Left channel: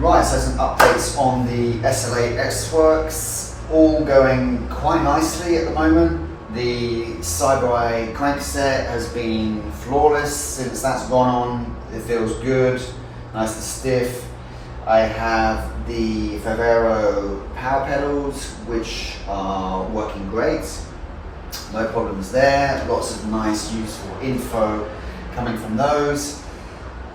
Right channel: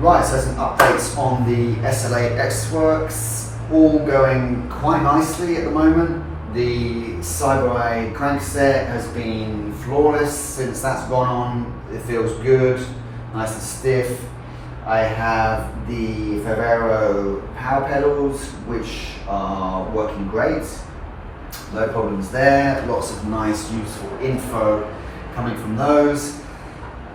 Right, so some updates on the SL8 Sworks, all going quite nicely at the moment. The Cyber crankset has been flawless since that's gone on. It feels good, nice and stiff. I have the Ferrero power pedals, which are working great. No problems there. Lots of nice, useful info coming from those.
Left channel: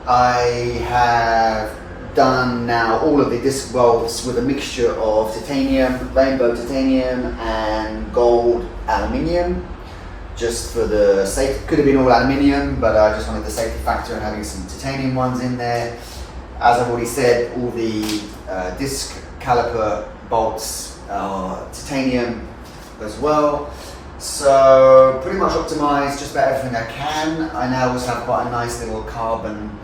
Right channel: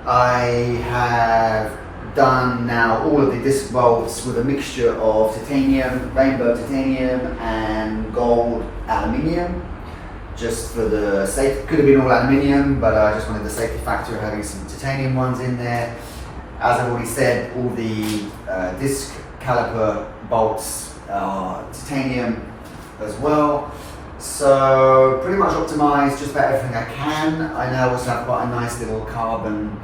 I have done now all of the disc bolts with a mixture of titanium, rainbow titanium and gold aluminium, just for the safety. Could have been all aluminium, but I just wanted the safety factor of having some titanium ones in there. As I've already said, all the disc caliper bolts are titanium as well. So pretty much optimized just about everything I can. I now also have quite a nice little carbon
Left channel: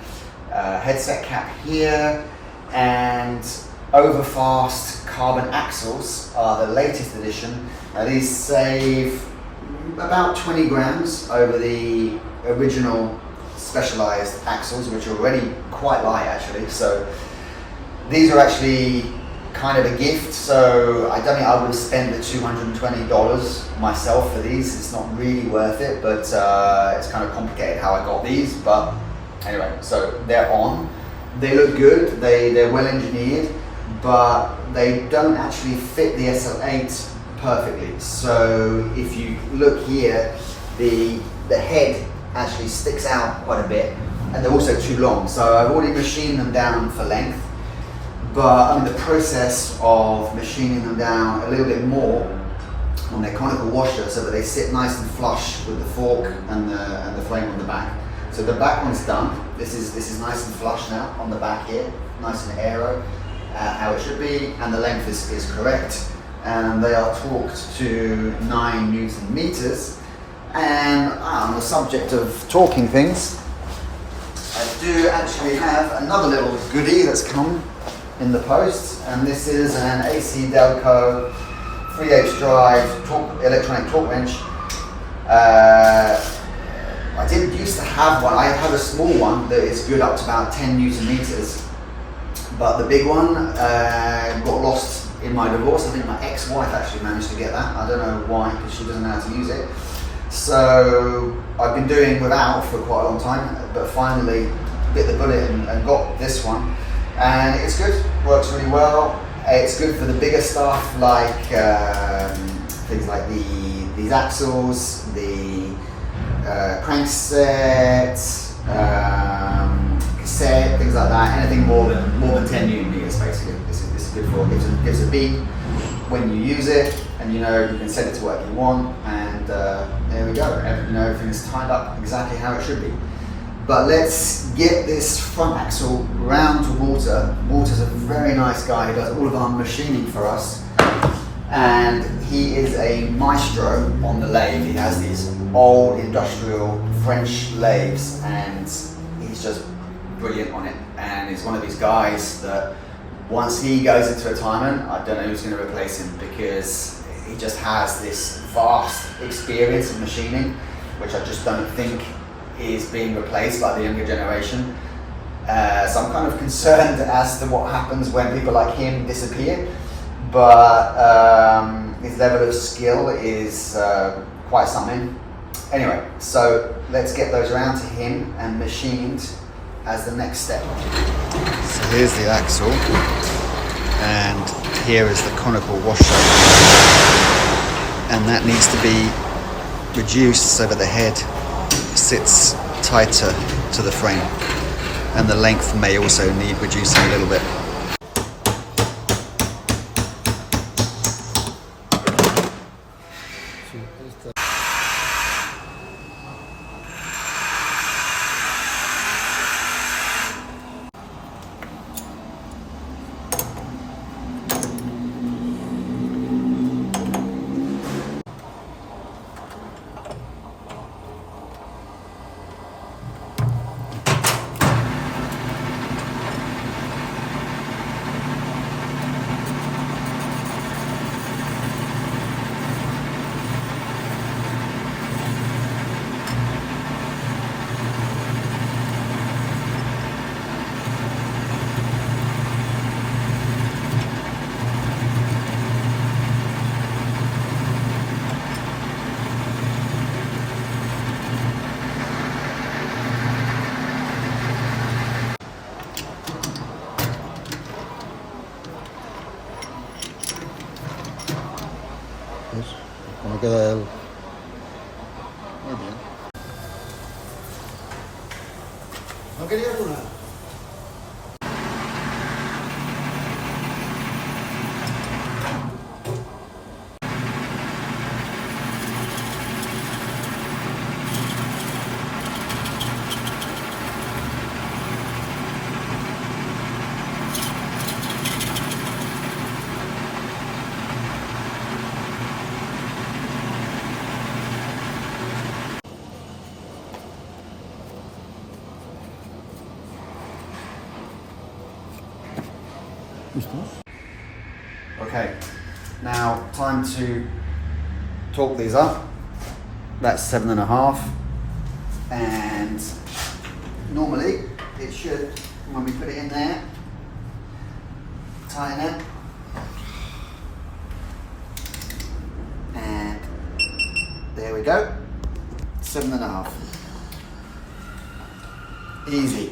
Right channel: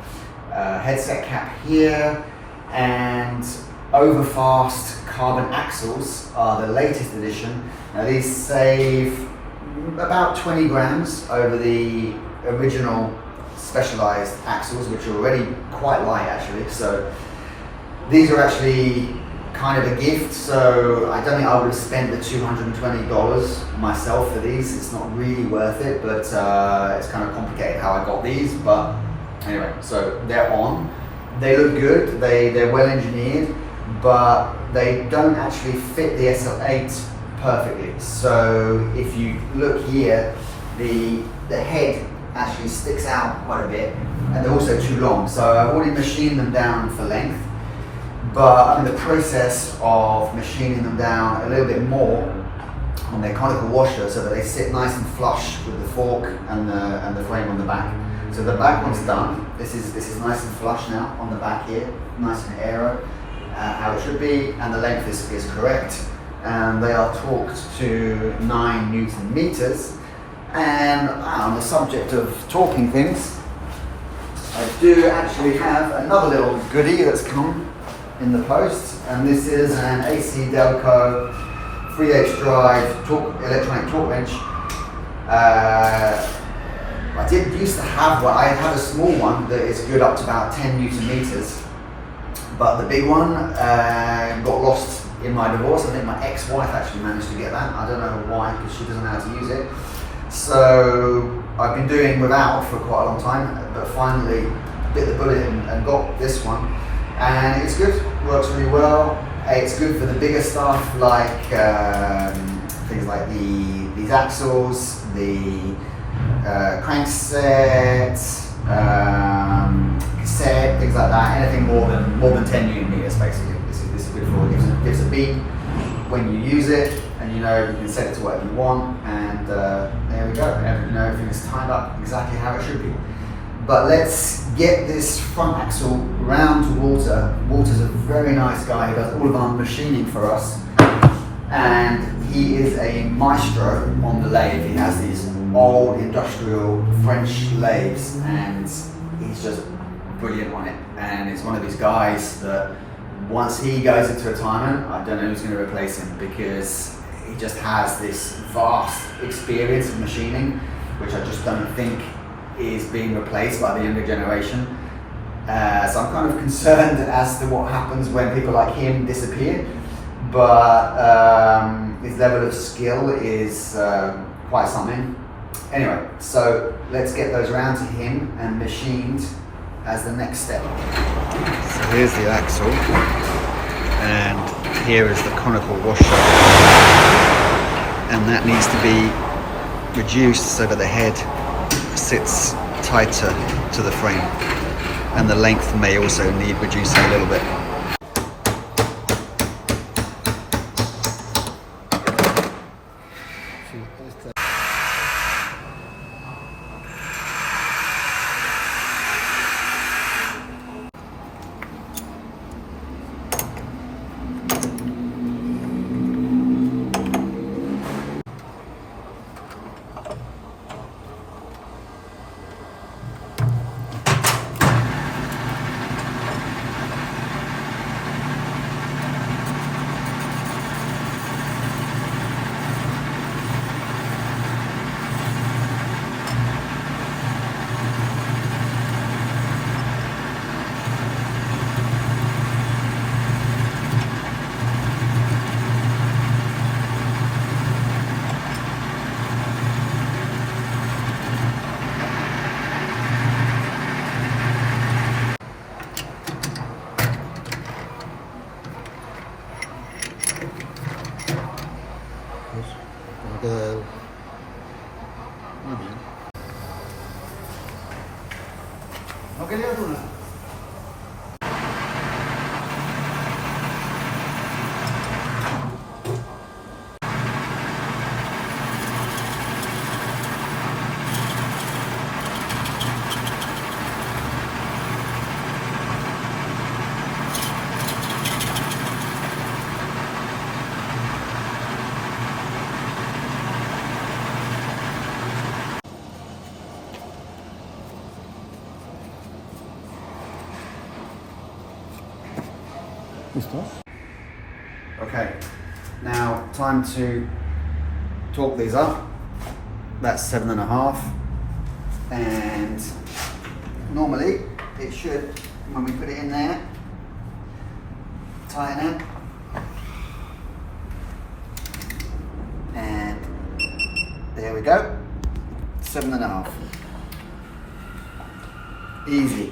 headset cap here, and Overfast carbon axles are the latest edition. Now these save about 20 grams over the original specialized axles, which are already quite light actually. So these are actually kind of a gift, so I don't think I would have spent the $220 myself for these. It's not really worth it, but it's kind of complicated how I got these. But anyway, so they're on. They look good, they're well engineered, but they don't actually fit the SL8 perfectly. So if you look here, the head actually sticks out quite a bit, and they're also too long. So I've already machined them down for length, but I'm in the process of machining them down a little bit more on their conical washer so that they sit nice and flush with the fork and the frame on the back. So the back one's done. This is nice and flush now on the back here, nice and aero, how it should be, and the length is correct. And they are torqued to 9 Newton meters. And on the subject of talking things, I do actually have another little goodie that's come in the post, and this is an AC Delco 3H drive electronic torque wrench. I did used to have one. I had a small one that is good up to about 10 Newton meters, but the big one got lost in my divorce. I think my ex-wife actually managed to get that. I don't know why, because she doesn't know how to use it. So I've been doing without for quite a long time, but finally bit the bullet and got this one, and it's good. Works really well. It's good for the bigger stuff, like things like these axles, the crankset, cassette, things like that. Anything more than 10 Newton meters, basically. This is good for. It gives a beep when you use it, and you can set it to whatever you want, and there we go. Everything's tied up exactly how it should be. But let's get this front axle round to Walter. Walter's a very nice guy who does all of our machining for us, and he is a maestro on the lathe. He has these old industrial French lathes, and he's just brilliant on it. And he's one of these guys that once he goes into retirement, I don't know who's going to replace him, because he just has this vast experience of machining, which I just don't think is being replaced by the younger generation. So I'm kind of concerned as to what happens when people like him disappear, but his level of skill is quite something. Anyway, so let's get those around to him and machined as the next step. So here's the axle, and here is the conical washer, and that needs to be reduced so that the head sits tighter to the frame, and the length may also need reducing a little bit. queda él. Muy bien. ¿No querías una? Okay, now time to torque these up. That's 7.5, and normally it should, when we put it in there, tighten it, and there we go, 7.5. Easy.